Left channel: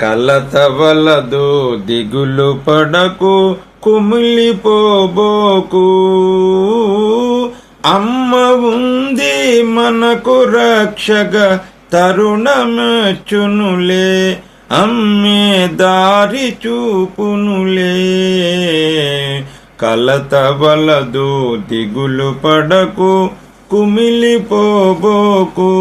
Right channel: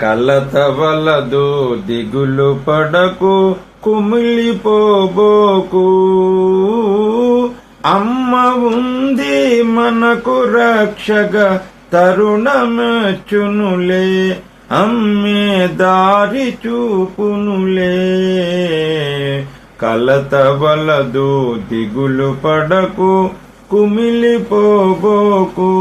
కలత వలదు దిగులు పడకు కుమిలిపోబోకు. అమ్మ ఉంది మనకు రక్షగా తరుణమెచ్చునులే, అమ్మే దారి చూపునులే. కలత వలదు దిగులు పడకు కుమిలిపోబోకు.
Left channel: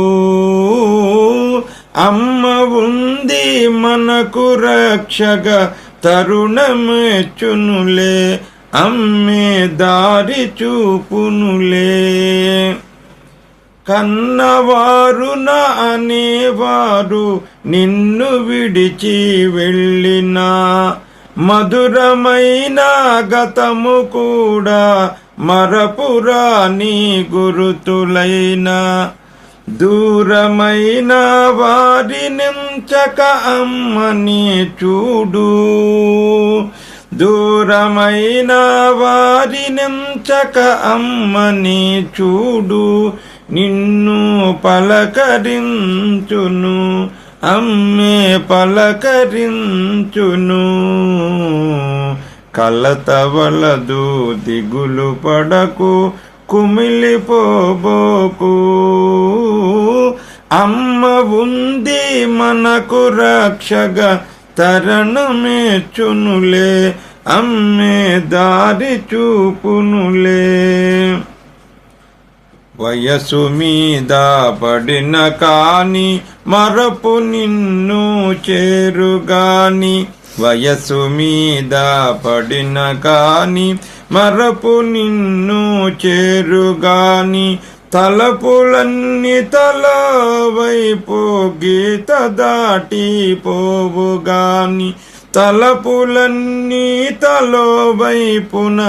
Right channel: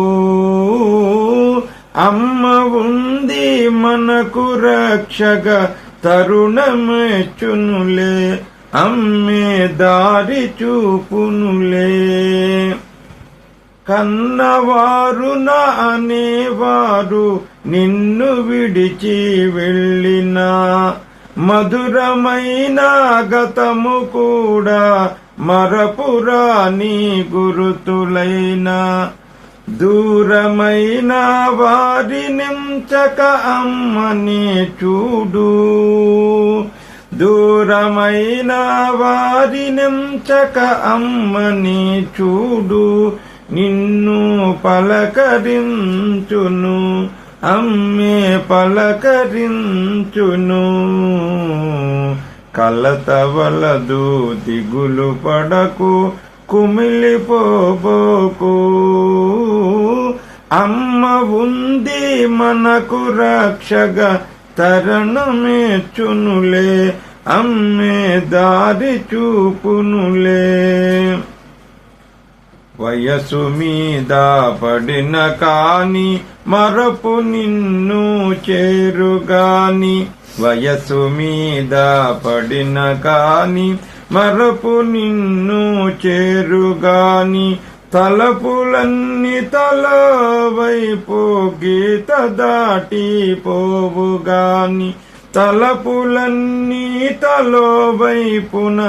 అమ్మ ఉంది మనకు రక్షగా తరుణమెచ్చునులే, అమ్మే దారి చూపునులే. కన్నవారు నా అనేవారు నిన్ను విడిచి వెళ్ళినా, మధురమైన గతము కూడా మరపురాని గురుతులైనా. దూరమైన వారినించక అమ్మని చూడు, దూరమైన వారినించక అమ్మని చూడు. నిన్ను పలకరించును, అమ్మే పలకరించును. కలత వలదు దిగులు పడకు కుమిలిపోబోకు. అమ్మ ఉంది మనకు రక్షగా తరుణమెచ్చునులే, అమ్మే దారి చూపునులే. వయసు మీద పడిన కాని మరపు నిన్ను చేరుగాని, వయసు మీద పడిన కాని మరపు నిన్ను చేరుగాని. తలపులన్నీ తల వైపు గీత దాటిపోవుగాని, తలపులన్నీ తలో వైపున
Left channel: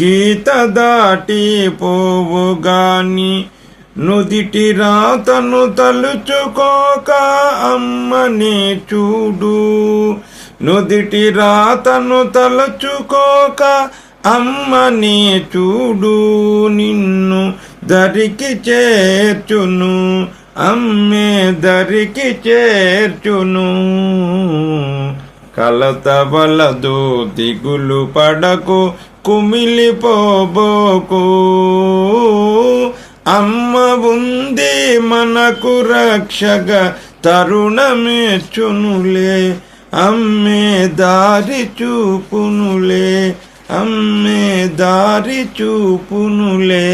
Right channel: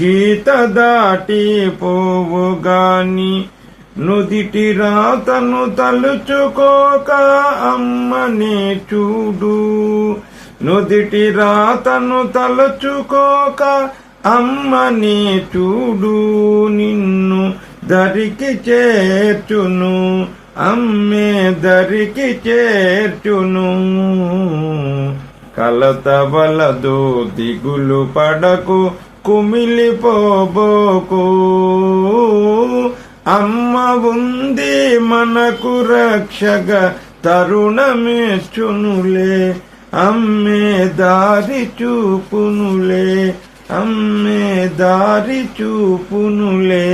గీత దాటిపోవుగాని. నుదిటి రాతను తలుచుకోక అమ్మని చూడు, నుదిటి రాతను తలుచుకోక అమ్మని చూడు. నిన్ను దరికి చేర్చును, అమ్మే దరికి చేర్చును. కలత వలదు దిగులు పడకు కుమిలిపోబోకు. అమ్మ ఉంది మనకు రక్షగా తరుణమెచ్చునులే, అమ్మే దారి చూపునులే, అమ్మే దారి చూపునులే.